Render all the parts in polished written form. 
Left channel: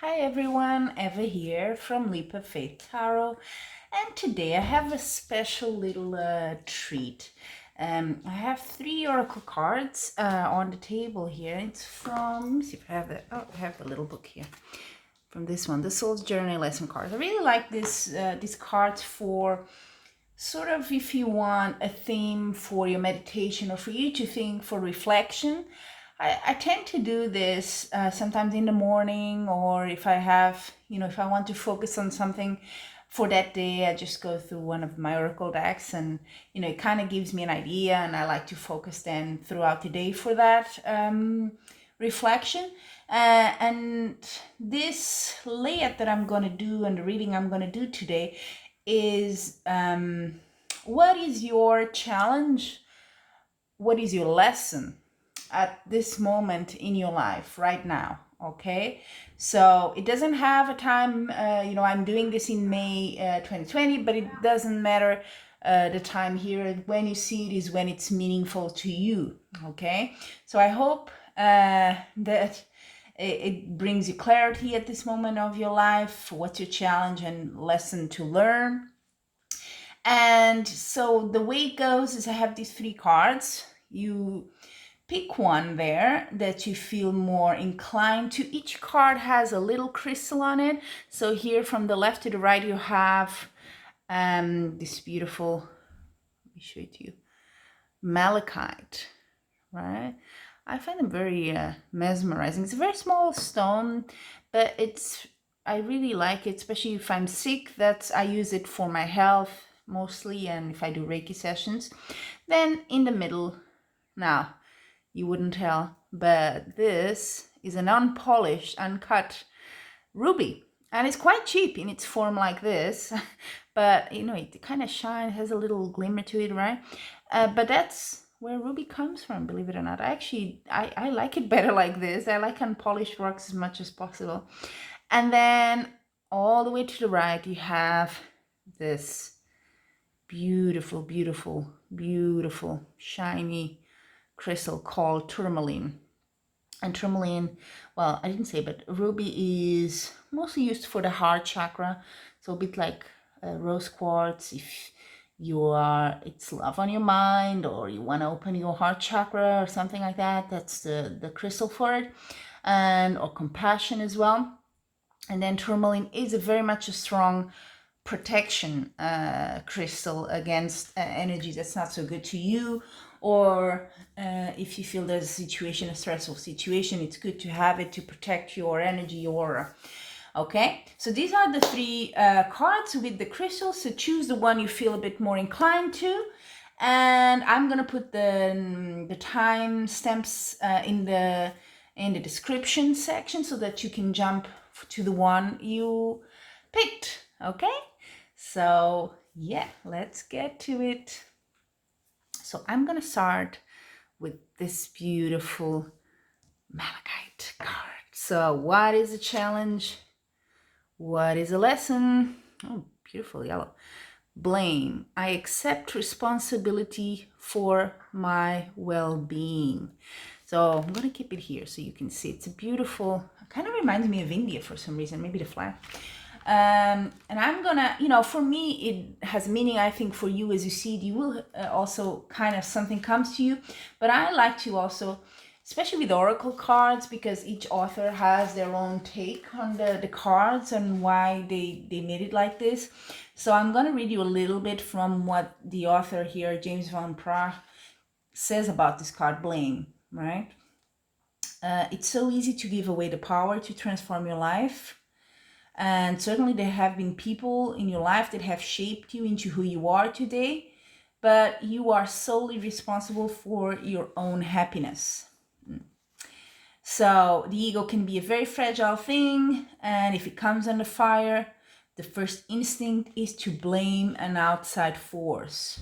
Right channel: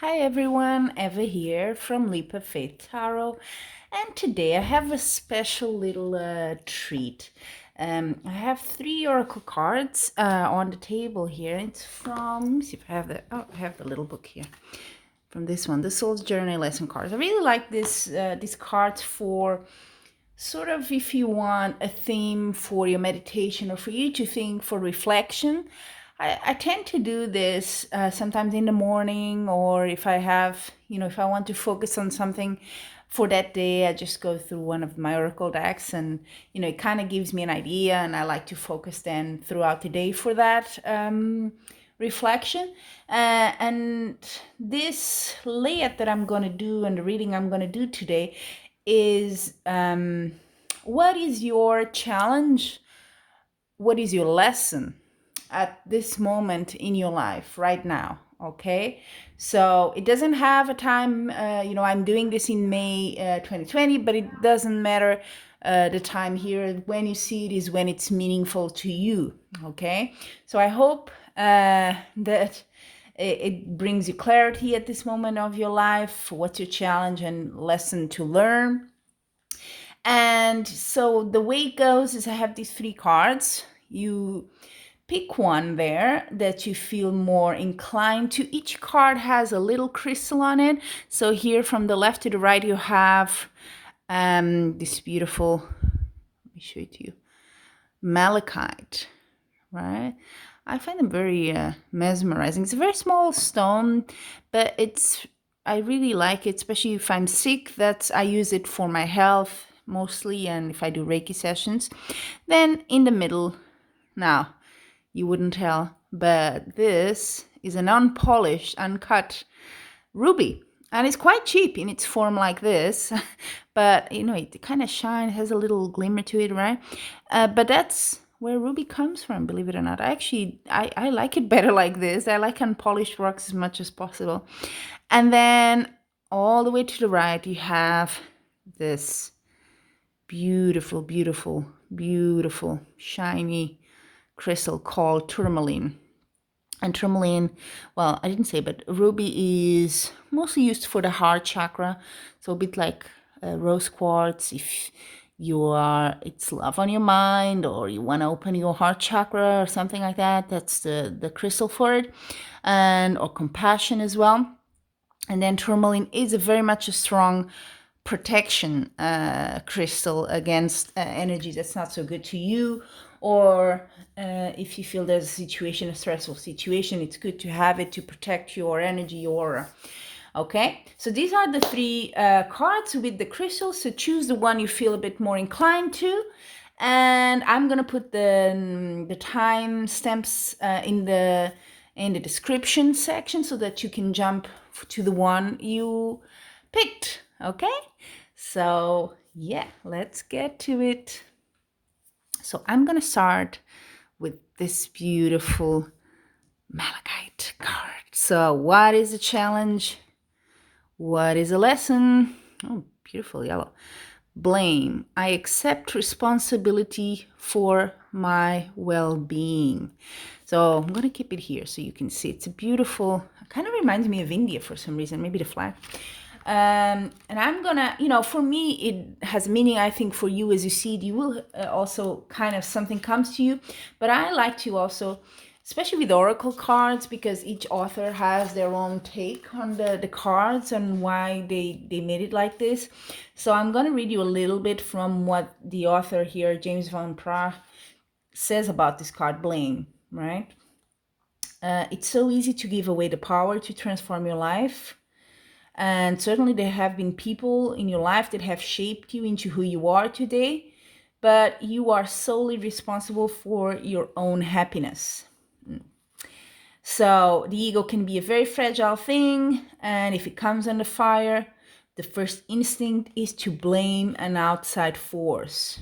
Hi everyone, Eva here from Leap of Faith Tarot, and today I have a special little treat. I have three oracle cards on the table here. It's from, let me see if I have I have the little book here. From this one, the Soul's Journey Lesson cards. I really like these cards for sort of if you want a theme for your meditation or for you to think for reflection. I tend to do this sometimes in the morning, or if I have, if I want to focus on something for that day, I just go through one of my oracle decks, and it kind of gives me an idea, and I like to focus then throughout the day for that reflection. And this layout that I'm going to do and the reading I'm going to do today is what is your challenge? What is your lesson at this moment in your life right now? Okay, so it doesn't have a time, I'm doing this in May 2020, but it doesn't matter the time here. When you see it is when it's meaningful to you. Okay, so I hope that it brings you clarity at this moment of your life. What's your challenge and lesson to learn? And so the way it goes is I have these three cards. You pick one there that you feel more inclined to. Each card has a little crystal on it. So here from the left to the right, you have this beautiful, let me show it to you, Malachite, right? I find them very mesmerizing. It's a very small stone, but I really like it, especially if I'm sick. I use it for my health mostly, and if I do Reiki sessions. Then in the middle, now you wouldn't tell, but this is an unpolished, uncut ruby. And it's quite cheap in its form like this, but it kind of shines, has a little glimmer to it, right? But that's where ruby comes from, believe it or not. I like it better like this. I like unpolished rocks as much as possible. And then all the way to the right, you have this beautiful, beautiful, beautiful, shiny crystal called Tourmaline. And Tourmaline, well, I didn't say, but ruby is mostly used for the heart chakra. So a bit like rose quartz. If it's love on your mind, or you want to open your heart chakra or something like that, that's the crystal for it. Or compassion as well. And then tourmaline is very much a strong protection crystal against energy that's not so good to you, or if you feel there's a stressful situation, it's good to have it to protect your energy aura. Okay, so these are the three cards with the crystals. So choose the one you feel a bit more inclined to, and I'm gonna put the time stamps in the description section so that you can jump to the one you picked. Okay, so yeah, let's get to it. So I'm gonna start with this beautiful Malachite card. So what is the challenge? What is a lesson? Oh, beautiful yellow. Blame. I accept responsibility for my well-being. So I'm gonna keep it here so you can see. It's a beautiful, kind of reminds me of India for some reason, maybe the flag. And I'm gonna, for me, it has meaning. I think for you, as you see it, you will also kind of something comes to you. But I like to also, especially with oracle cards, because each author has their own take on the cards and why they made it like this. So I'm going to read you a little bit from what the author here, James Van Praagh, says about this card, blame, right? It's so easy to give away the power to transform your life. And certainly there have been people in your life that have shaped you into who you are today, but you are solely responsible for your own happiness. So the ego can be a very fragile thing, and if it comes under fire, the first instinct is to blame an outside force.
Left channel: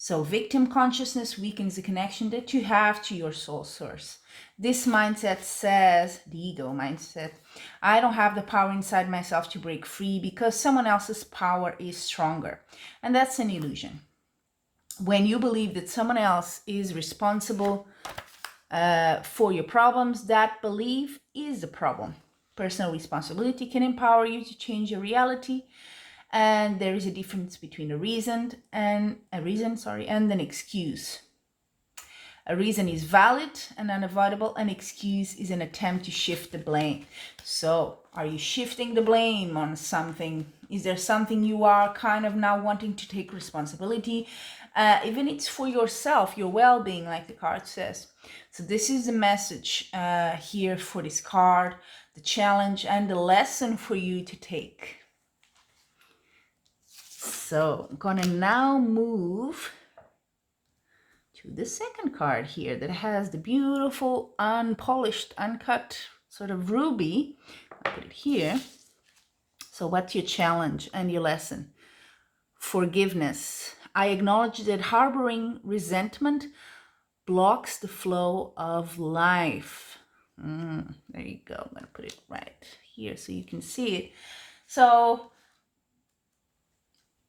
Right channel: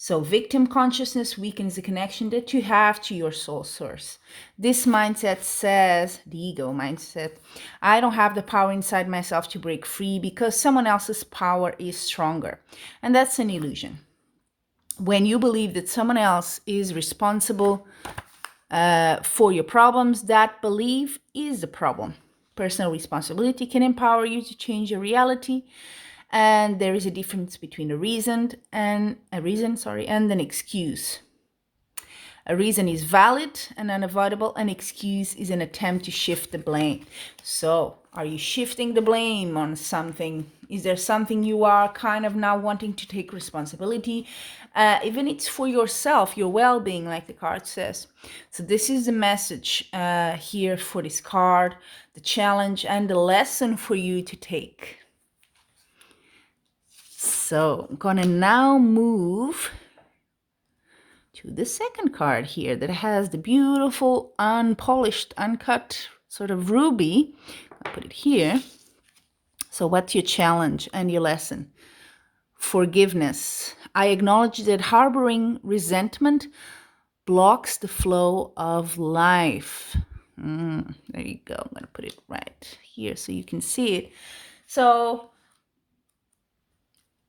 So victim consciousness weakens the connection that you have to your soul source. This mindset says, the ego mindset, I don't have the power inside myself to break free because someone else's power is stronger. And that's an illusion. When you believe that someone else is responsible for your problems, that belief is the problem. Personal responsibility can empower you to change your reality. And there is a difference between a reason, and an excuse. A reason is valid and unavoidable. An excuse is an attempt to shift the blame. So, are you shifting the blame on something? Is there something you are kind of now wanting to take responsibility? Even it's for yourself, your well-being, like the card says. So this is the message here for this card, the challenge and the lesson for you to take. So I'm gonna now move to the second card here that has the beautiful, unpolished, uncut sort of ruby. I'll put it here. So what's your challenge and your lesson? Forgiveness. I acknowledge that harboring resentment blocks the flow of life. There you go. I'm going to put it right here so you can see it. So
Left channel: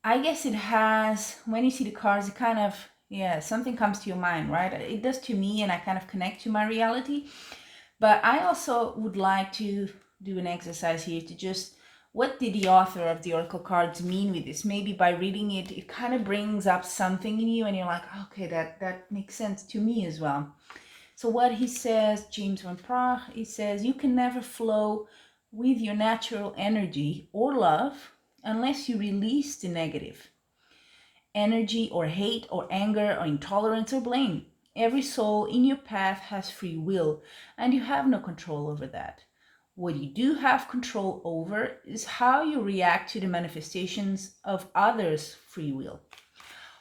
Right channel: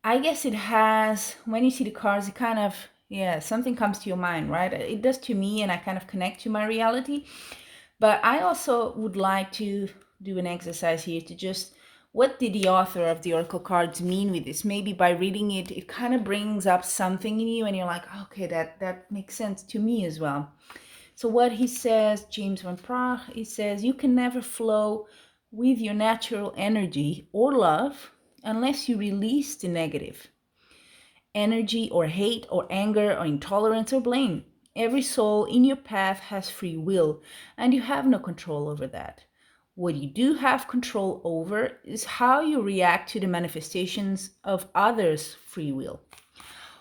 I guess it has, when you see the cards, it kind of, something comes to your mind, right? It does to me, and I kind of connect to my reality. But I also would like to do an exercise here to just, what did the author of the Oracle cards mean with this? Maybe by reading it, it kind of brings up something in you and you're like, okay, that makes sense to me as well. So what he says, James van Praagh, he says, you can never flow with your natural energy or love unless you release the negative energy or hate or anger or intolerance or blame. Every soul in your path has free will, and you have no control over that. What you do have control over is how you react to the manifestations of others' free will.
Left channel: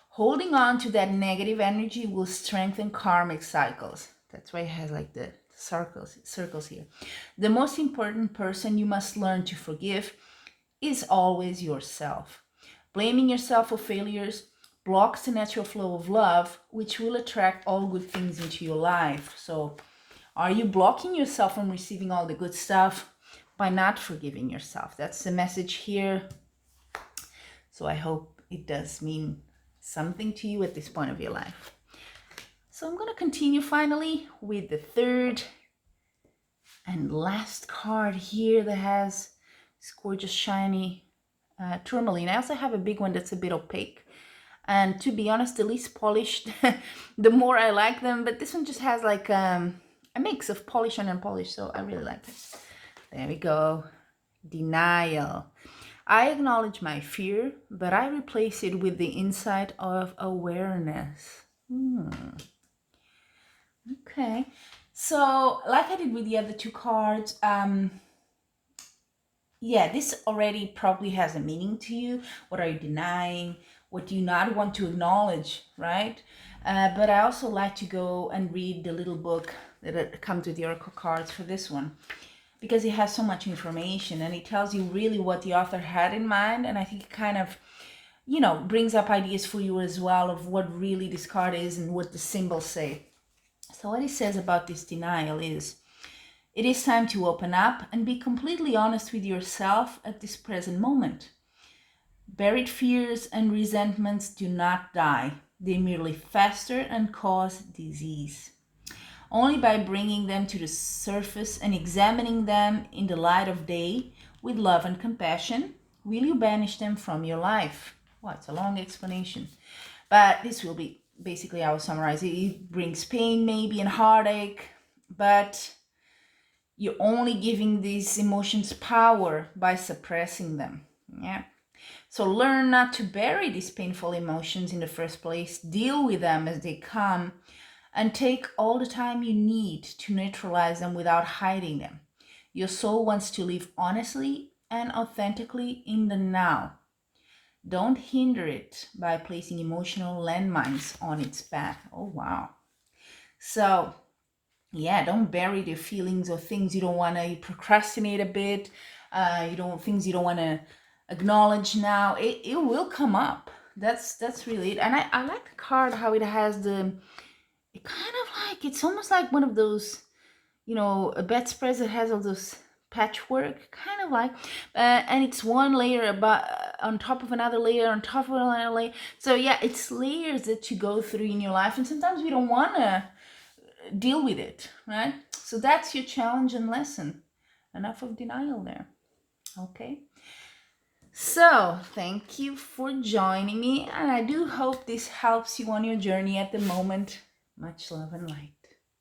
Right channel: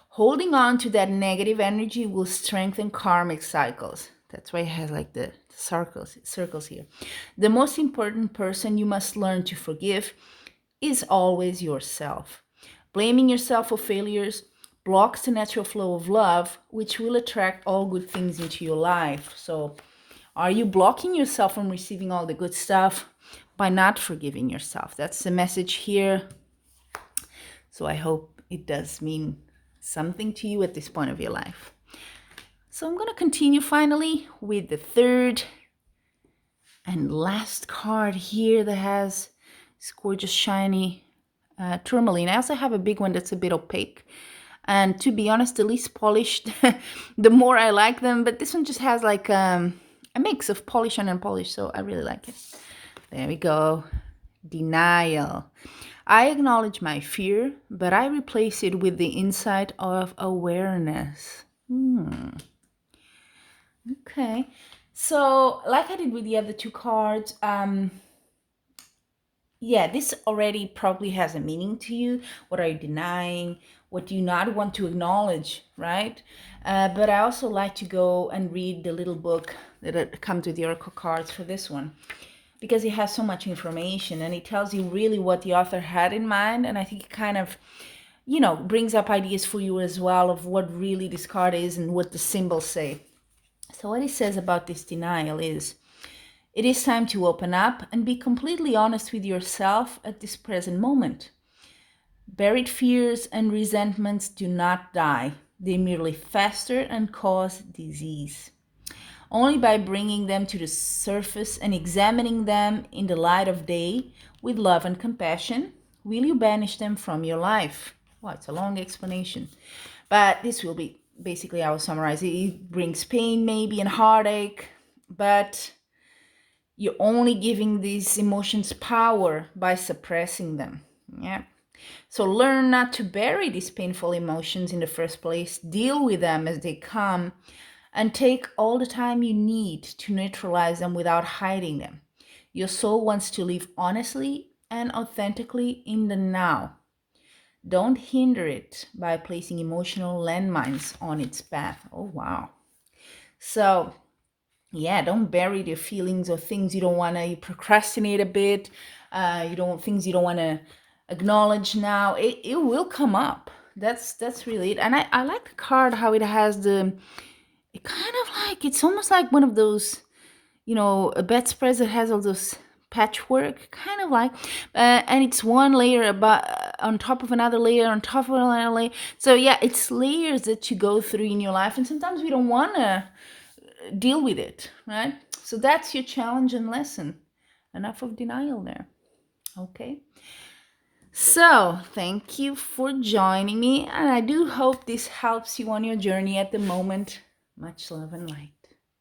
Holding on to that negative energy will strengthen karmic cycles. That's why it has like the circles here. The most important person you must learn to forgive is always yourself. Blaming yourself for failures blocks the natural flow of love, which will attract all good things into your life. So, are you blocking yourself from receiving all the good stuff by not forgiving yourself? That's the message here. So I hope it does mean something to you at this point of your life. So I'm going to continue finally with the third and last card here that has this gorgeous shiny Tourmaline. I also have a big one that's a bit opaque. And to be honest, the least polished, the more I like them. But this one just has like a mix of polish and unpolished, so I really like it. There we go. Denial. I acknowledge my fear, but I replace it with the insight of awareness. Okay. So, like I did with the other two cards, this already probably has a meaning to you. What are you denying? What do you not want to acknowledge, right? But I also like to go and read the little book that comes with the Oracle cards for this one, because it has so much information and it tells you really what the author had in mind. And I think it kind of, brings up ideas for you as well of what really this card is and what the symbols say. So what it says about this denial is, it is time to open up and be completely honest with yourself at this present moment. Buried fears and resentments do not die. They merely fester and cause disease. Only by bringing them to the surface and examining them in the light of day with love and compassion will you banish them from your life. Well, it's a long explanation, but this will be basically, I will summarize it. It brings pain maybe and heartache, but you're only giving these emotions power by suppressing them. Yeah. So learn not to bury these painful emotions in the first place. Deal with them as they come and take all the time you need to neutralize them without hiding them. Your soul wants to live honestly and authentically in the now. Don't hinder it by placing emotional landmines on its path. Oh, wow. So, don't bury your feelings or things you don't want to. You procrastinate a bit. Things you don't want to acknowledge now. It will come up. That's really it. And I like the card how it has it kind of like, it's almost like one of those, a bedspread that has all those patchwork, kind of like, and it's one layer on top of another layer on top of another layer. So it's layers that you go through in your life, and sometimes we don't want to deal with it, right? So that's your challenge and lesson. enough of denial there. Okay. So, thank you for joining me, and I do hope this helps you on your journey at the moment. Much love and light.